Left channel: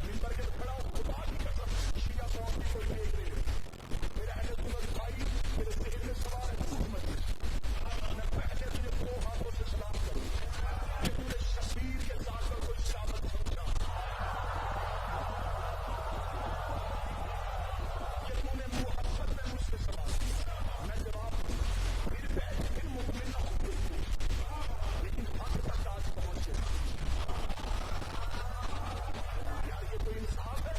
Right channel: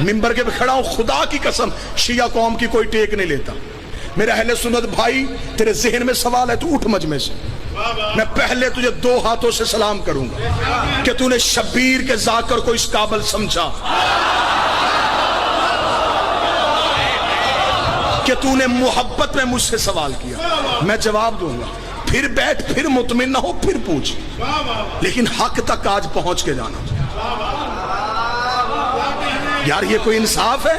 منبر کے پہ کھڑا ہوں، خدا کی قسم شیعہ قوم کی کوئی ٹیک نہیں لیتا۔ میرے اہل سنت بھائی، تیرے ذہن میں سوال ہے تو اٹھ مجمع سے، میں پہلے تجھے 2 ہاتھوں سے سلام کروں گا کہ تو نے شبیر کے ذاکر کو اس قابل سمجھا کہ تو نے محبت میں مجھ سے سوال کیا، میں جواب دوں گا، پھر بیٹھ، پھر مطمئن نہ ہو، پھر پوچھ، لیکن حق تک آج پہنچ کے جانا۔ یار یہ کوئی انصاف ہے؟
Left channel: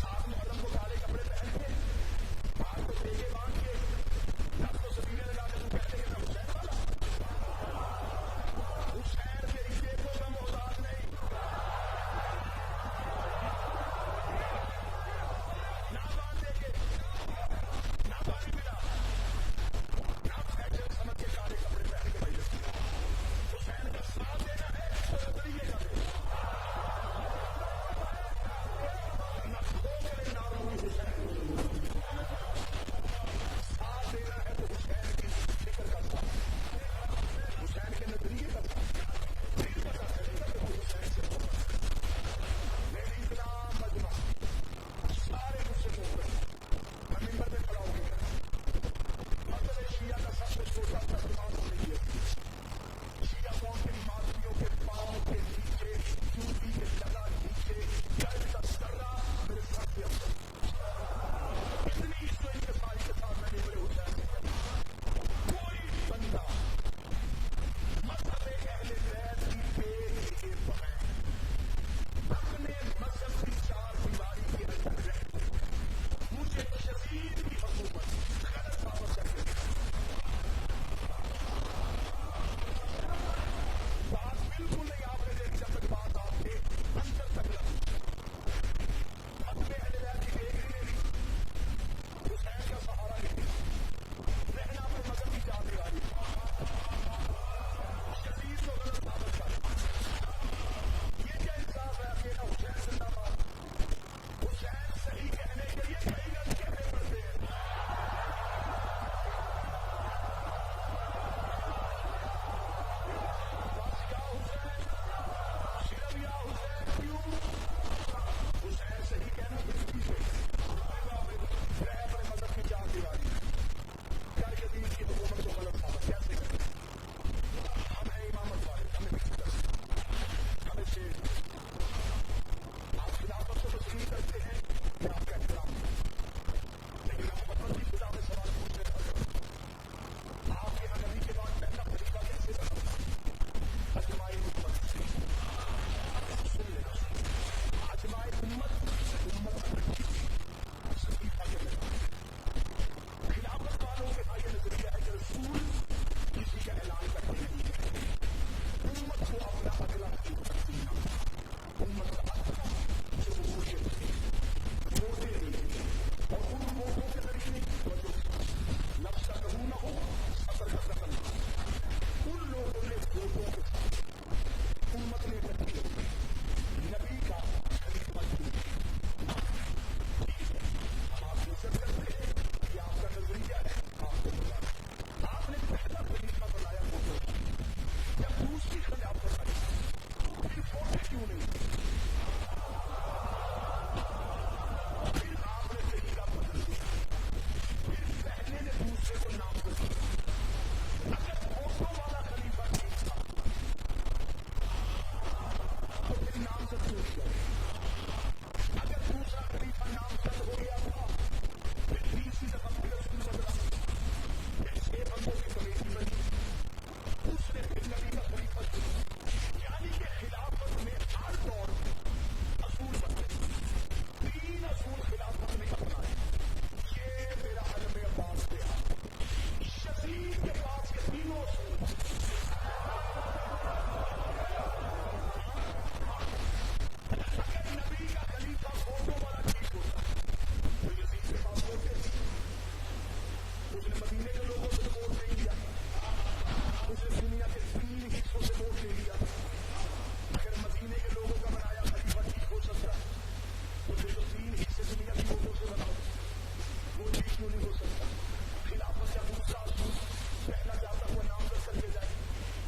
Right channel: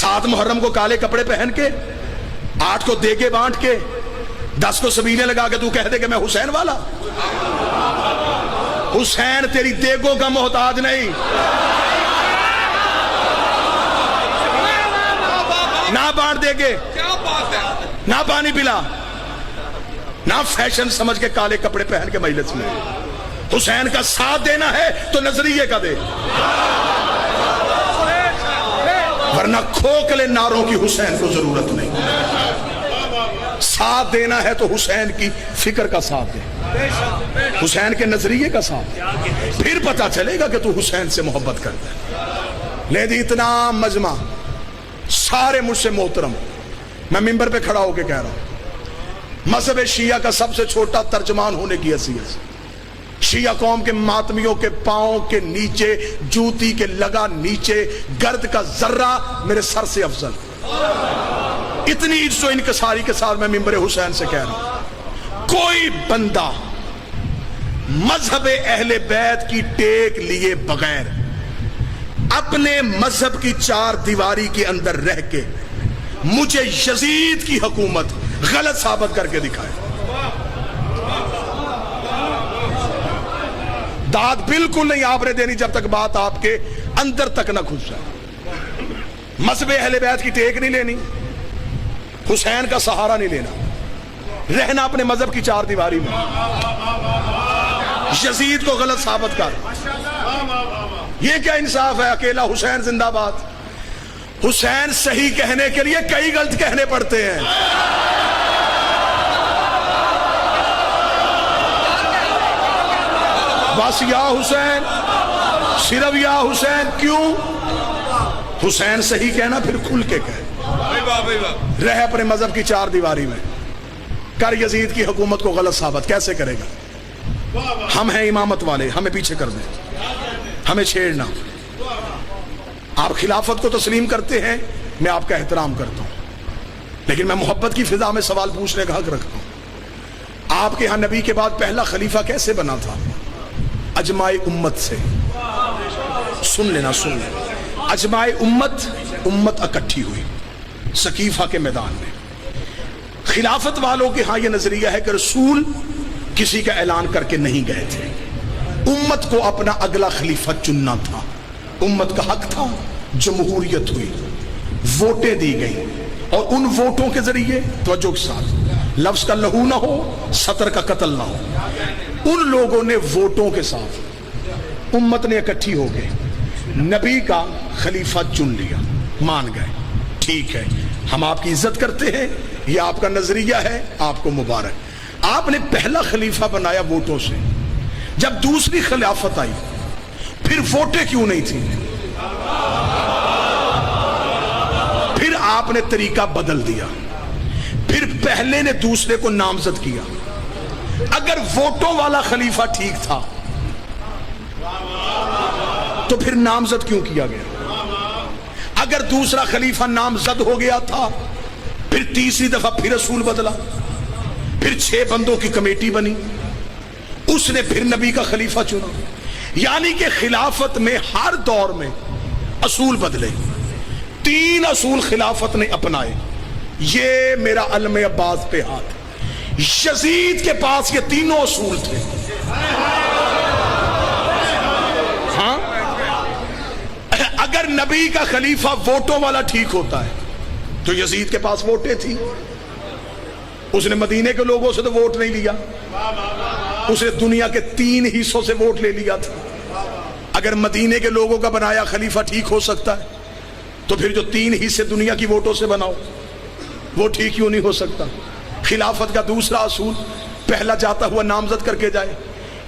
7 محرم کو کالے کپڑے پہن کے، 8 کو دیگے بانٹ کے، 10 کو سبیلے لگا کے تو کہہ دے کہ میں حسین والا؟ حسین تیری دیگوں کا محتاج نہیں، نہ بانٹ دے گے، نہ پانی پلا، نہ فیشن سمجھ کے کالے کپڑے پہن کے مجلس میں۔ حسین کا ساتھ دینا ہے تو نظریے کا دے، ورنہ کھوکھلے نعروں کی حسین کو ضرورت نہیں۔ ساتھ دینا ہے تو حسین کی فکر کا ساتھ دے، حسین کے نظریے کا ساتھ دے، پھر پتا چلے گا کہ تو حسین سے محبت کرتا ہے۔ لیکن اتنا مجمع سارے مجھ سے محترم، میں منبر پہ کھڑا ہو کے کہہ رہا ہوں، مذہب شیعہ کا سب سے چھوٹا ترجمان ہونے کی حیثیت سے شیعہ قوم کے ماتمیوں کے پاؤں کے نیچے، جوتی کے لگا نیچے گرد کا ذرہ میرے سر سے افضل۔ اتنی عزت و انکساری کے ساتھ میں منبر حسین سے کہہ رہا ہوں، کوئی بندہ مذہب اہل بیت کی ٹیک لیے بغیر اپنے مذہب کی 4 دیواری کے اندر رہ کے مجھے یزید کی حکومت غلط ثابت کر کے دکھائے، داد بالکل نہیں آپ نے دینی جب تک بات آپ کے اندر تک نہ گھس جائے۔ مذہب اہل بیت کی ٹیک نہیں لینی، حسین کا سہارا نہیں لینا، رہنا اپنے مذہب کی 4 دیواری میں، یزید کو غلط ثابت کر۔ یہ کیا انصاف ہے؟ اکیلا حسین زندہ باد۔ حسین صحیح کہنے کے لیے کئی غلط کہنے پڑتے ہیں۔ بس یا حسین، صرف یا حسین، کیوں؟ حسین صحیح کہنا پھر کھل کے کہے، رہ اپنے مذہب کی 4 دیواری میں، کر یزید کی حکومت کو غلط ثابت۔ کیسے کرے گا؟ ہم ہیں امامت والے، ہمیں پیچھے کر دیں، ہمیں چھیڑنا۔ آپ خلافت کو تسلیم کرتے ہیں، میں آپ کا احترام کرتا ہوں، لیکن میں محبت کی فضا میں سوال پوچھنے کا حق رکھتا ہوں۔ آپ کے ہاں نبی کے بعد پہلا خلیفہ کیسے بنا تھا؟ اجماع امت سے۔ سن لینا، سن لینا، اجماع امت اکٹھی ہوئی سقیفہ کے میدان میں۔ خلافت والوں کے ہاں یہ نظریہ ہے کہ رسول کسی کا اعلان کر کے نہیں گئے تھے، امت کو اپنا اگلا خلیفہ چننا تھا، امت کا حق تھا۔ جمہوریت ہوئی، ووٹیں دی گئیں، اور ان ووٹوں کے ذریعے، توجہ کے ساتھ، لفظ کا لہو نہ ہو، سطر کا قتل نہ ہو، ان لوگوں نے ووٹوں کے ساتھ امت نے اکٹھی ہو گئے نبی کا خلیفہ چن لیا، مان گئے، ٹھیک ہے، ہم آپ کی عزت کرتے ہیں، یہ آپ کا نظریہ ہے، آپ کو مبارک۔ آپ نے پہلا خلیفہ بنایا ووٹوں سے، جب دوسری خلافت آئی پھر ووٹیں کیوں نہیں تھی؟ پھر آپ نے طریقہ بدل دیا، پھر پہلے نے دوسرے کو نامزد کیا۔ اگر ووٹوں والا خلیفہ ٹھیک تھا تو پھر نامزد کیوں کیا گیا؟ اگر دوسرا خلیفہ نامزد ہو گیا تھا، پھر تیسری دفعہ پھر اصول بدلا، پھر 6 بندوں کی کمیٹی بنی، اس نے پھر نبی کا خلیفہ چنا۔ یعنی کہ خلافت میں ہر دور میں اصول بدلے، 3 اصول خلافت نے اپنائے۔ یہ میرا علم عباس پہ ہاتھ، یزید کے پاس یہ 3 اصول تھے۔ ہاں، اگر نبی کا خلیفہ ووٹوں والا ٹھیک ہوتا ہے تو یزید کے پاس ووٹیں تھی، اس نے مدینے کے لوگوں سے تو ووٹ نہیں لیا، اس نے دنیا کے 3 حصوں سے ووٹ لے لیا تھا۔ اگر مدینے کے لوگوں کا بنایا خلیفہ ٹھیک ہو سکتا ہے تو پھر جو 3 حصے دنیا کی ووٹوں سے بناؤ وہ ٹھیک کیوں نہیں ہو سکتا؟ خلافت کا دوسرا اصول، پہلا جاتا ہوا نامزد کر کے جائے،